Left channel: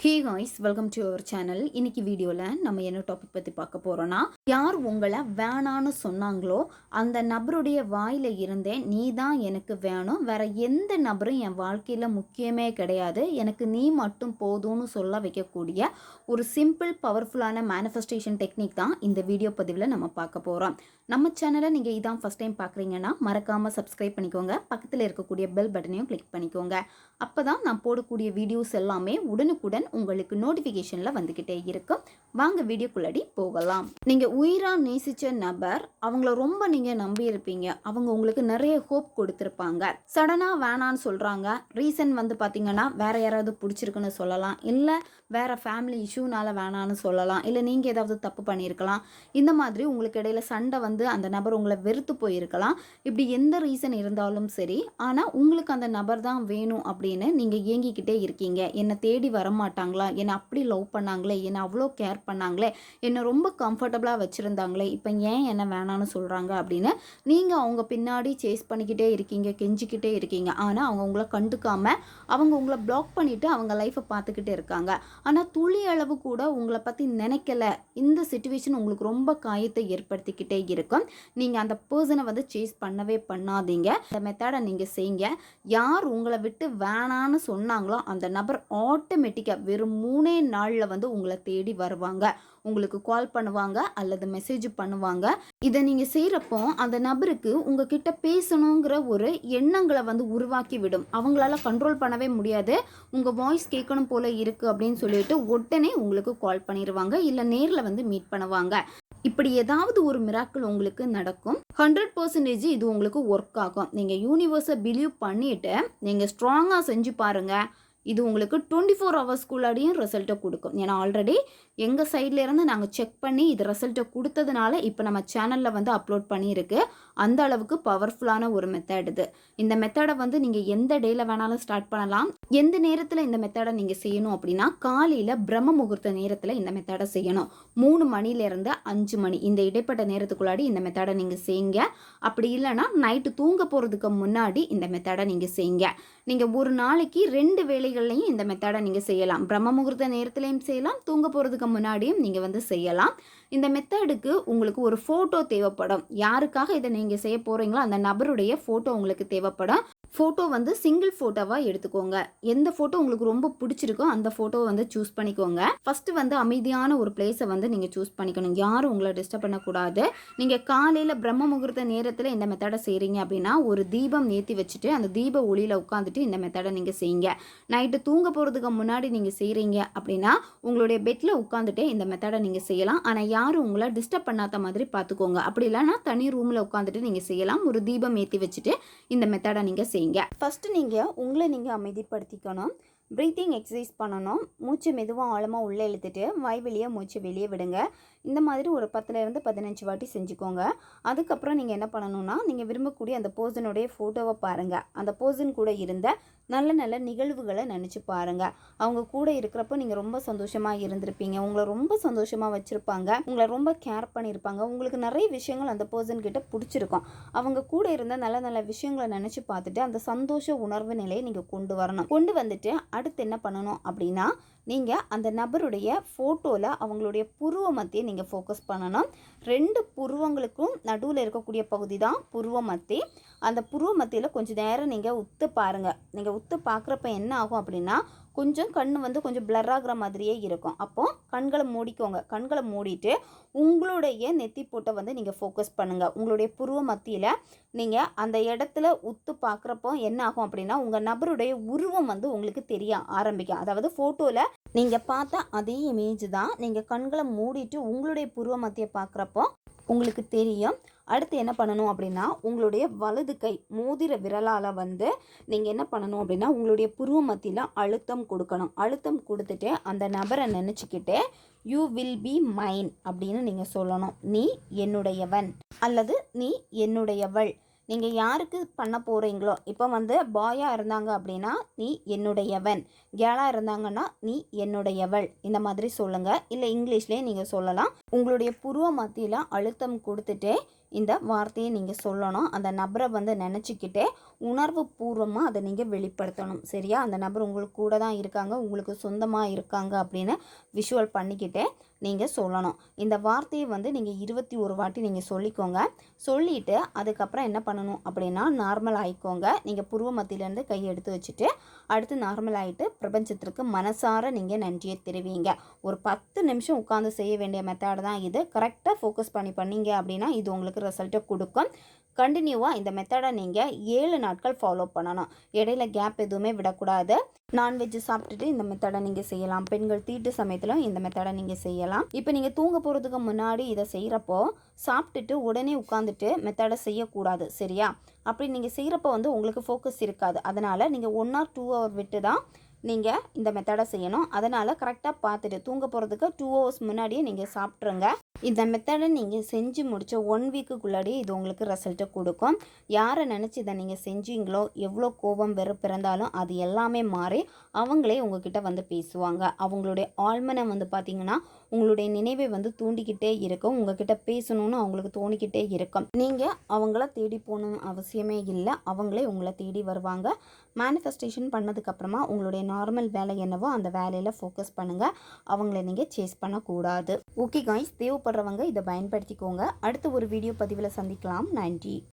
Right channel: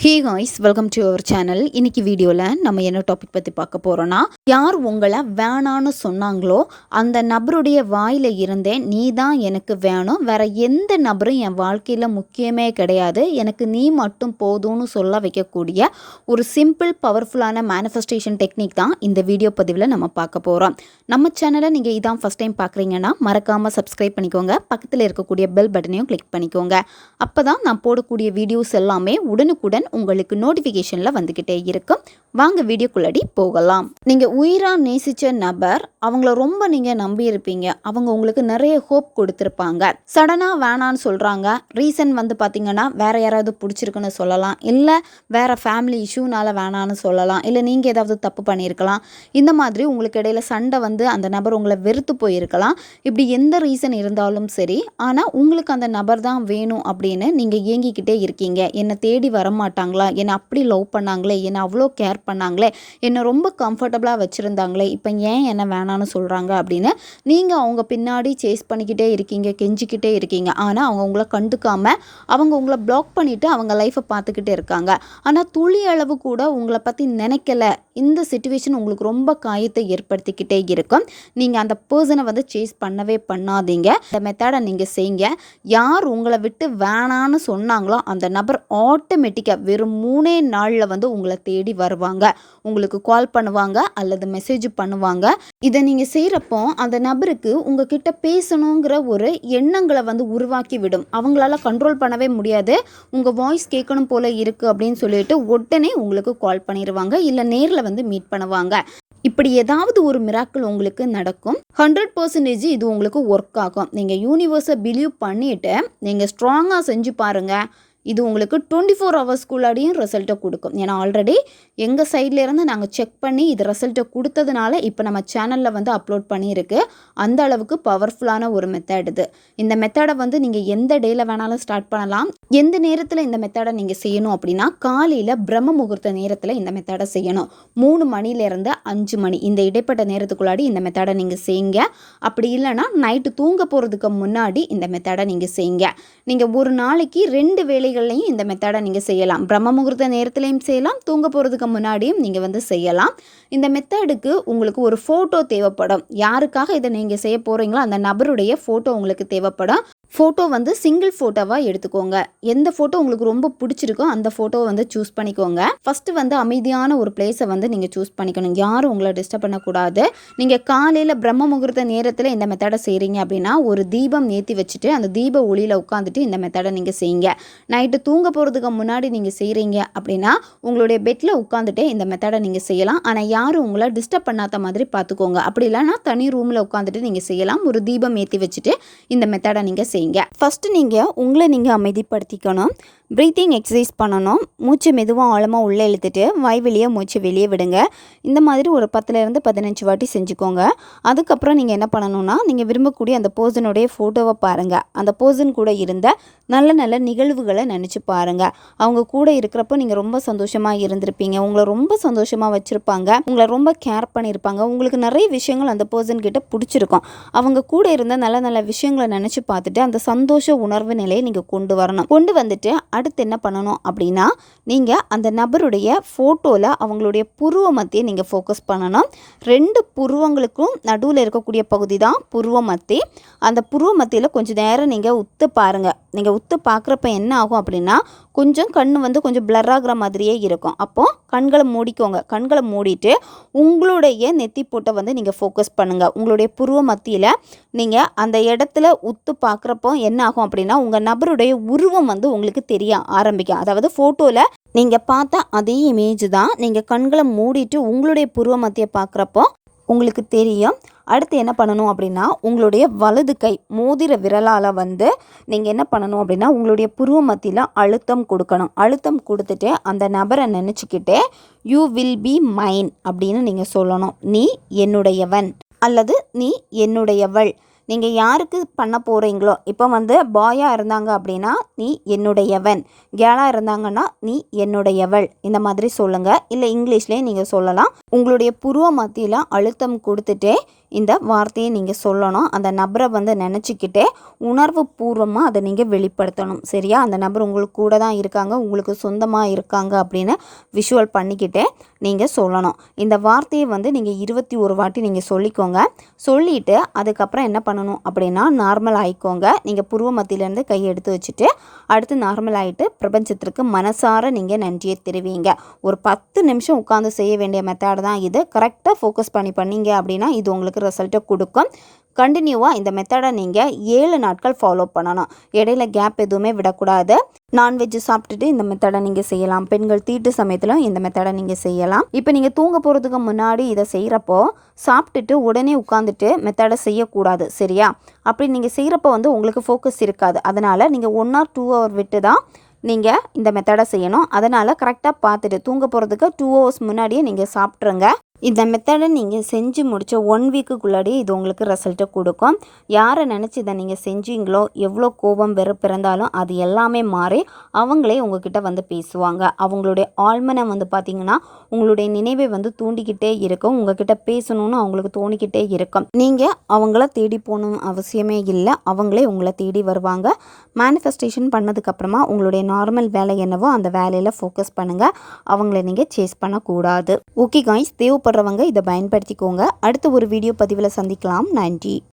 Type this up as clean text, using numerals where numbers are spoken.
Hey guys, welcome to our channel. இன்னைக்கு வீடியோவில் நம்ம என்ன டாபிக் பற்றி பார்க்க போகிறோன்னா, யார் உங்களை வேணான்னு சொன்னாங்களோ அந்த நபருடைய வாயில் இருந்தே நீ தான் எனக்கு வேணும், வேற எந்த நபரும் என் வாழ்க்கையில் முக்கியமே கிடையாது, எனக்கு நீ மட்டும் போதும்னு சொல்ல வைக்கக்கூடிய ஒரு சிம்பிள் பவர்ஃபுல்லான மேனிஃபெஸ்டேஷன் டெக்னிக் தான் இந்த வீடியோ பதிவில் நம்ம பார்க்க போகிறோம். நம்ம சேனலை நீங்கள் இதான் ஃபஸ்ட் டைம் பார்க்குறீங்கன்னா மறக்காமல் சப்ஸ்கிரைப் பண்ணிக்கோங்க, பக்கத்தில் இருக்கக்கூடிய பெல் பட்டனையும் கிளிக் பண்ணிக்கோங்க. அப்போ தான் நான் போடக்கூடிய வீடியோஸ் எல்லாமே உடனுக்குடன் உங்களுக்கு நோட்டிஃபிகேஷனில் வந்துக்கிட்டே இருக்கும். வாங்க வீடியோக்குள்ளடி போகலாம். நீங்கள் உயிராக நேசித்த நபர், அவங்கள ரொம்ப நீங்கள் நம்பியிருப்பீங்க, அவங்க உங்களுக்கு நிறைய ஹோப் கொடுத்துருப்பாங்க. சடனாக வேணான்னு சொல்கிறாங்க. ரீசன் வந்து பார்த்திங்கன்னா வேறு யாராவது பிடிச்சிருக்குன்னு சொல்லலாம், இல்லை வேறு ஃபேமிலி இஷ்யூனால் வேணான்னு சொல்லலாம், இல்லை நீங்கள் ஏதாவது தப்பு பண்ணியிருக்கலாம். இந்த மாதிரி உங்களுக்கு இடையில சண்டை வந்து அந்த நபர் உங்களை வெறுத்து போயிருக்கலாம். இப்படி எந்த ரீசன் இருந்தாலும் சரி, ஆனால் உங்களுக்கு அந்த நபர் தான் வேணும் அப்படின்னு நீங்கள் ஏங்கிக்கிட்டே இருக்கீங்க. என்னை தேடி வரமாட்டாங்களா, என்னை அப்படி லவ் பண்ணாங்களே, என்னை அவ்வளோ கேர் பண்ணாங்களே, என்னை ரொம்ப கம்ஃபர்டபுளாக வச்சுருந்தாங்களே, இப்போ ஏன் என்ன வேணான்னு சொல்கிறாங்க அப்படின்னு நீங்கள் அவங்க பின்னாடி சேஸ் பண்ணிக்கிட்டே இருக்கீங்க, கெஞ்சிக்கிட்டே இருக்கீங்க. ஆனால் அவங்க உங்களை கண்டுக்காமல் அவங்க உங்களை பிளாக் பண்ணிவிட்டு அவங்க லைஃப்பை பார்த்துக்கிட்டே இருக்காங்க. ஆனால் துளி அளவு கூட உங்களை பற்றி நினைக்கல. இந்த சிச்சுவேஷன் உங்களுக்கு ரொம்ப காயத்தை ஏற்படுத்திக்கிட்டே இருக்கும். நீங்கள் அந்த பர்சனை வந்து சேஸ் பண்ணவே பண்ணாதீங்க. இந்த மெத்தடை நீங்கள் செய்யுங்க. யார் உங்களை விட்டு வேணான்னு சொன்னாங்களோ அந்த நபர் ஆட்டோமேட்டிக்காக வெறும் 3 நாளில் வந்து உங்களை தேடி வருவாங்க. உங்களுக்கு கால் பண்ணுவாங்க அல்லது மெசேஜ் பண்ணுவாங்க. இதை நீங்கள் செய்கிறப்போ அந்த நபருக்கு உங்ககிட்ட பேசணுங்கிற ஒரு எண்ணங்களை வந்து உருவாக்கி விடும். அவங்களால கண்ட்ரோல் பண்ணவே முடியாது. உங்கள் வாய்ஸ் கேட்கணும் போல இருக்குது அப்படின்னு சொல்லிட்டு உடனே உங்களுக்கு கால் பண்ணிடுவாங்க, இல்லை நேரில் வந்து மீட் பண்ணுவாங்க. இப்படி ஏதாவது ஒரு மிராக்கிள் உங்களுக்கு நடக்கும். 100% இது உங்களுக்கு ஒர்க் ஆகும். நீங்கள் யூனிவர்ஸை பிலீவ் பண்ணிவிட்டு நீங்கள் ஸ்ட்ராங்காக செஞ்சு பாருங்கள். இது உங்களுக்கு 24 ஹவர்ஸ்க்குள்ளாடியும் ரிசல்ட்டை கொடுக்கும். ஏன்னா ஆல்ரெடி எங்கள் சைட்லேருந்து நாங்கள் செக் பண்ணி இது ரிசல்ட்டை கொடுத்ததுனால இப்போ நம்ம சேனலில் வந்து அப்லோட் பண்ணியிருக்கு. அந்த அளவுக்கு பவர்ஃபுல்லான ஒரு மெத்தட் இது. இந்த மெத்தடை வந்து நீங்கள் எந்த டேயில் வேணாலும் ஸ்டார்ட் பண்ணலாம். எந்த நேரத்தில் இந்த மெத்தடை நீங்கள் செய்யணும் அப்படின்னா, காலையில் பிரம்ம முகூர்த்த நேரத்தில் இந்த மெத்தடை செய்யணும். 3 மணிலேருந்து 5 மணி இந்த இடைப்பட்ட நேரத்துக்குள்ளாடி இந்த மெத்தடை நீங்கள் செய்யுங்க. அப்படி இல்லைனா நைட்டு தூங்க போகிறதுக்கு முன்னாடி இந்த மெத்தடை நீங்கள் செய்யுங்க. நீங்கள் ஒரு நாளைக்கு 2 வேளைகள்லையும் இந்த மெத்தடை நீங்கள் செய்யலாம். பிரம்ம முகூர்த்த நேரத்துலையும் செய்யலாம், தூங்க போகிறதுக்கு முன்னாடியும் நீங்கள் வந்து செய்யலாம். இந்த மெத்தடுக்கு உங்களுக்கு ஒரு ஃபோட்டோ தேவைப்படும். யாருக்காக இதை நீங்கள் செய்ய போகிறீங்களோ அந்த நபருடைய ஃபோட்டோ உங்களுக்கு தேவைப்படும். ஃபோட்டோ வந்து சிங்கிள் ஃபோட்டோவாக எடுத்துக்கோங்க. எந்த ஃபோட்டோ உங்களுக்கு ரொம்ப பிடிச்சிருக்கோ அந்த ஃபோட்டோவை வந்து சூஸ் பண்ணிக்கோங்க. ஃபஸ்ட்டு வந்து அமைதியான ஒரு பிளேஸை வந்து நீங்கள் சூஸ் பண்ணிக்கணும். யாரும் உங்களை டிஸ்டர்ப் பண்ணக்கூடாது. நீங்கள் காலையில் பிரம்ம முகூர்த்த நேரத்தில் இந்த மெத்தடை செய்கிறீங்க அப்படின்னா ஒரு தீபம் ஏற்றி வச்சுட்டு அந்த தீப ஒளியில் உட்காந்துட்டு இந்த மெத்தடை நீங்கள் செய்யுங்க. நைட்டு தூங்க போகிறதுக்கு முன்னாடி நீங்கள் செய்கிறீங்க அப்படின்னா உங்களுடைய பெட்டில் உட்காந்துட்டு இந்த மெத்தடை நீங்கள் செய்யலாம். ஆனால் யாரும் உங்களை டிஸ்டர்ப் பண்ணாத மாதிரி பார்த்துக்கோங்க. அப்படி இல்லைனா தனி ரூமில் உட்காந்துட்டு நீங்கள் செய்யலாம். ஒரு தீபம் ஏற்றி வச்சுட்டு இந்த மெத்தடை நீங்கள் செய்யுங்க. ஃபஸ்ட்டு நீங்கள் உங்களை நீங்கள் அமைதிப்படுத்திக்கணும். ப்ரீத்திங் எக்ஸசைஸ் பண்ணணும். மூச்சு மெதுவாக ஆழமாக உள்ளே இழுத்துட்டு வாய் வெளியே மூச்சு வெளியே விடுங்க. இந்த மாதிரி ஒரு 10லேருந்து 15 வாட்டி செஞ்சுக்கோங்க. அதுக்கப்புறம் நீங்கள் என்ன பண்ணணும்னா, நீங்கள் விரும்பக்கூடிய அந்த பர்சனுடைய ஃபோட்டோவை பாருங்கள். அந்த பர்சன் கூட இருந்த நல்ல நல்ல நிகழ்வுகளை நினச்சி பாருங்கள். அவங்க கூட இருக்கிறப்போ நீங்கள் ரொம்ப சந்தோஷமாக இருந்திருப்பீங்க. உங்களை ரொம்ப சந்தோஷமாக வச்சுருப்பாங்க. உங்களை ரொம்ப கேர் பண்ணியிருப்பாங்க. உங்களுக்கு நிறைய விஷயங்கள் அந்த பர்சன்கிட்ட பிடிச்சிருக்கும். அவங்க கூட இருந்த நல்ல நல்ல விஷயங்களை நினச்சி பார்த்துட்டு அந்த சந்தோஷ உணர்வு நிலையை நீங்கள் கொண்டு வரணும். கொண்டு வந்துட்டு அடுத்து என்ன பண்ணணும் அப்படின்னா, நீங்கள் அந்த நபருடைய ஃபோட்டோவில் அவங்களுடைய புருவ மத்தியை நீங்கள் ஃபோக்கஸ் பண்ணணும். 2 புருவங்களுக்கும் நடுவில் இருக்கக்கூடிய பகுதி தான் புருவ மத்தி. அந்த புருவ மத்தியில் கொஞ்சம் நேரம் நீங்கள் உத்து பாருங்கள். நீங்கள் உத்து பார்க்குறப்ப என்ன ஆகும் அப்படின்னா, கொஞ்சம் கண் வந்து கொஞ்சம் பிளர் ஆகிற மாதிரியே இருக்கும். அப்போது கண்களை மூடிக்கோங்க. கண்களை மூடிட்டு உங்களுடைய நெத்தி போட்டை வந்து நீங்கள் ஃபோக்கஸ் பண்ணுங்கள். உங்களுடைய புருவ மத்தியில் நீங்கள் அந்த இடத்துல உத்து பார்க்குறப்போ என்ன ஆகும் அப்படின்னா, உங்கள் நபருடைய உருவம் வந்து உங்களுக்கு தெரிய ஆரம்பிக்கும். அதாவது ஃபோட்டோவில் நீங்கள் பார்த்த அதே இமேஜ் தான் நீங்கள் கண்களை மூடிட்டு உங்களுடைய புருவ மத்தியை பார்க்குறப்போ உங்களுக்கு தெரியும். அடுத்து என்ன பண்ணணும் அப்படின்னா, உங்களுடைய வலது கை மோதிர விரலால் வந்து நீங்கள் என்ன பண்ணணும் அப்படின்னா, உங்களுடைய புருவ மத்தியில் அழுத்தம் கொடுக்கணும். அழுத்தம் கொடுத்துட்டு அந்த நபரை நினச்சிக்கிட்டு யூ வில் பி மைன் அப்படின்னு நீங்கள் சொல்லணும். நீ என்னுடையவன் அல்லது நீ என்னுடையவள். நீங்கள் யாருக்கு பண்ண போகிறீங்களோ, இப்போ வந்து பாயாக இருந்தாங்க அப்படின்னா நீ என்னுடையவன், கேளாக இருந்தாங்கன்னா நீ என்னுடையவள், இந்த மாதிரி சொல்லுங்கள். இல்லை இங்கிலீஷ்லேயே நீங்கள் சொல்லலாம். உங்களுடைய புருவ மத்தியில் அழுத்தம் கொடுத்துட்டே இந்த வார்த்தையை நீங்கள் சொல்லணும். அந்த நபரை வந்து நினச்சிக்கிட்டே உணர்வு பூர்வமாக அதை நீங்கள் வெளிப்படுத்தணும். சரியா? அந்த நபர் உங்களுக்கு கூட தான் இருக்காங்க, உங்களுக்கு சொந்தமாக இருக்காங்க அப்படின்னு விஷுவல் பண்ணிக்கிட்டே நீங்கள் சொல்லணும். இந்த வார்த்தையை வந்து நீங்கள் 21 வாட்டி நீங்கள் சொல்லிக்கோங்க. சொல்லிவிட்டு அதுக்கப்புறம் என்ன பண்ணணும் அப்படின்னா நார்மல் ஆகிக்கோங்க. நீங்கள் புருவ மத்தியிலேருந்து கையை எடுத்து வச்சுட்டு அடுத்து நார்மல் ஆகிட்டு பிரபஞ்சத்திற்கு மனசார நீங்கள் நன்றியை தெரிவிங்க. ஒரு 10 நிமிஷம் உட்காந்து செய்ய வேண்டிய மெத்தட் தான் இது. கரெக்டாக ஃபோக்கஸ் பண்ணீங்க அப்படின்னா இது உங்களுக்கு ரிசல்ட்டை கொடுக்கும். கண்டினியூவாக இந்த மெத்தடை நீங்கள் 7 நாட்கள் ஃபாலோ பண்ணணும். இடையில கேப் எதுவுமே விடக்கூடாது. நான்வெஜ் சாப்பிட்டுட்டு இந்த மெத்தடை நீங்கள் செய்யலாம். பெண்கள் தீட்டு சமயத்தில் இந்த மெத்தடை நீங்கள் செய்யலாம். இப்போ நீங்கள் தூங்க போகிறதுக்கு முன்னாடி இதை செய்கிறப்போ சாப்பிட்டுட்டு உடனே உட்காந்துட்டு மெத்தடை செய்யக்கூடாது. சரியா? அப்படி நீங்கள் செய்கிறப்போ வந்து உங்களுக்கு ஃபோக்கஸ் இருக்காது. அதனால் நீங்கள் 1 or 2 hour விட்டு தான் நீங்கள் இந்த மெத்தடை செய்யணும். அதனால் கரெக்டாக பார்த்துட்டு தூங்க போகிறதுக்கு 2 hours முன்னாடியே நீங்கள் சாப்பிட்ருங்க. இந்த மெத்தடை நீங்கள் செஞ்சு முடித்த 1 வீக்குக்குள்ளாடியே இது உங்களுக்கு ரிசல்ட்டை கொடுக்கும். யாரை நினச்சி இதை நீங்கள் செஞ்சீங்களோ எவ்வளோ கோபம் வெறுப்பு இருந்தாலும் அது எல்லாமே மாறி அவங்களே உங்ககிட்ட வந்து பேசுவாங்க. அவங்களுடைய ஆழ்மனை வந்து பார்த்திங்கன்னா உங்களுடைய நினைவை வந்து தூண்டிக்கிட்டே இருக்கும். உங்ககிட்ட பேசணும்னு அவங்களுக்கு தோணிக்கிட்டே இருக்கும். நீங்கள் அவங்கள தேடி போகணும் அவசியமே இல்லை. அவங்களே உங்களை தேடி வருவாங்க. மேனிஃபெஸ்டேஷன் பண்ணதுக்கப்புறமா உங்களுடைய நார்மல் வேலை என்னவோ அந்த வேலையில் ஃபோக்கஸ் பண்ணுங்கள். அவங்கள நீங்கள் சேஸ் பண்ணக்கூடாது. ஓகே காய்ஸ், தேவைப்படுறவங்க இதை பயன்படுத்திக்கோங்க. அடுத்த ஒரு வீடியோ பதிவில் சந்திக்கலாம். நன்றி.